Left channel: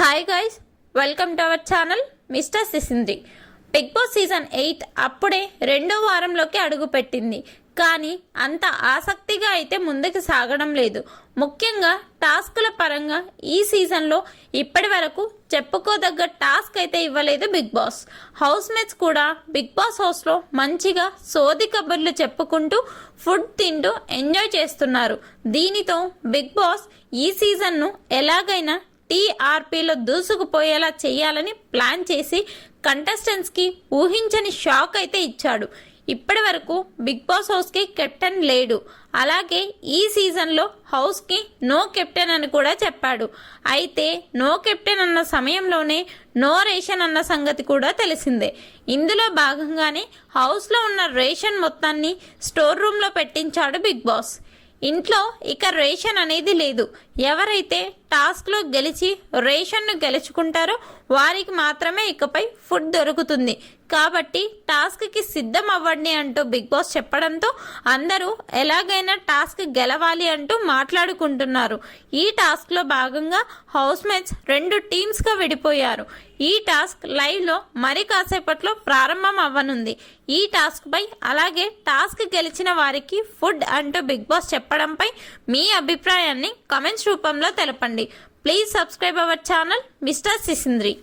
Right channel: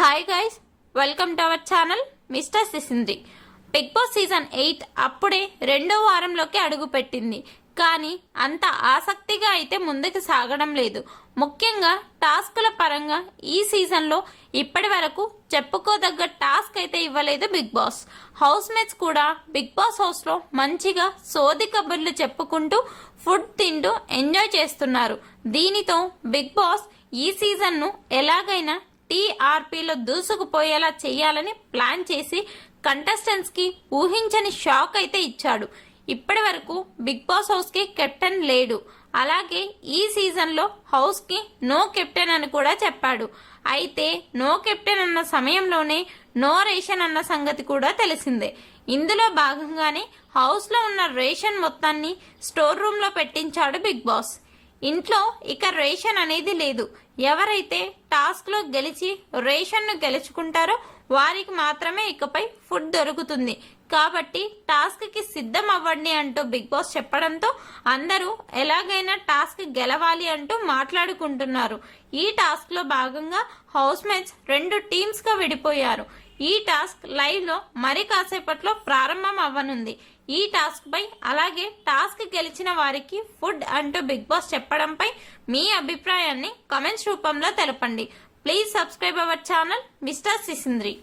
Hi guys, welcome to our channel mister Sisindri. Bigg Boss season 8 అప్పుడే రెండో వారంలోకి అడుగుపెట్టింది. కానీ అంత ఆసక్తిగా అయితే ముందుకు సాగడం లేదు. ముఖ్యంగా టాస్కుల పరంగా ఈ సీజన్లో ఇప్పటి వరకు చెప్పుకోదగ్గ టాస్క్ అయితే ఇవ్వలేదు బిగ్ బాస్. హౌస్ మేట్స్ కూడా బిగ్ బాస్ హౌస్లో మంచిగా సోది కబుర్లు చెప్పుకుంటూ ఫుడ్ తింటూ ఎంజాయ్ చేస్తున్నారు. దీనితో బిగ్ బాస్ ఈ సీజన్ను ఎలాగైనా టీఆర్పీలో దూసుకుపోయేలా చేయాలని ప్లాన్ చేసి కంటెస్టెంట్స్కి ఊహించని షాక్ అయితే ఇచ్చాడు. ఇప్పటి వరకు బిగ్ బాస్ హౌస్కి కెప్టెన్ లేడు. అలాగే ఈ సీజన్లో హౌస్కి నో కెప్టెన్ అని కూడా చెప్పాడు. అయితే నో కెప్టెన్ అన్న సమయంలోనే నో రేషన్ అన్న సంగతి కూడా తెలిసిందే. ఇందులో భాగంగానే హౌస్లో ఉన్న రేషన్ మొత్తాన్ని స్టోర్ రూమ్లో పెట్టించాడు బిగ్ బాస్. ఇంట్లో ఇక రేషన్ అనేది లేదు. ఎవరైతే టాస్క్లో గెలిచి రేషన్ను గెలుచుకుంటారో వారికి మాత్రమే ఇకపై ఫుడ్ దొరుకుతుంది. కాబట్టి టాస్క్కి సిద్ధం అవ్వండి అంటూ బిగ్ బాస్ చెప్పడంతో అందరూ ఎలాగైనా టాస్క్ గెలవాలి అంటూ మాట్లాడుకుంటున్నారు. ఈ టాస్క్లో భాగంగా హౌస్ మేట్స్ 2 టీమ్స్గా విడిపోయారు. ఈ టాస్క్ లైవ్లో మరి కాసేపట్లో ప్రారంభం అవ్వనుంది. ఈ టాస్క్పై అలాగే టాస్క్ గెలిచిన వారికి ఫుడ్ అంటూ బిగ్ బాస్ చెప్పడంపై మీ అభిప్రాయాన్ని కమెంట్స్ రూపంలో తెలపండి. Please subscribe our channel mister సిసింద్రి.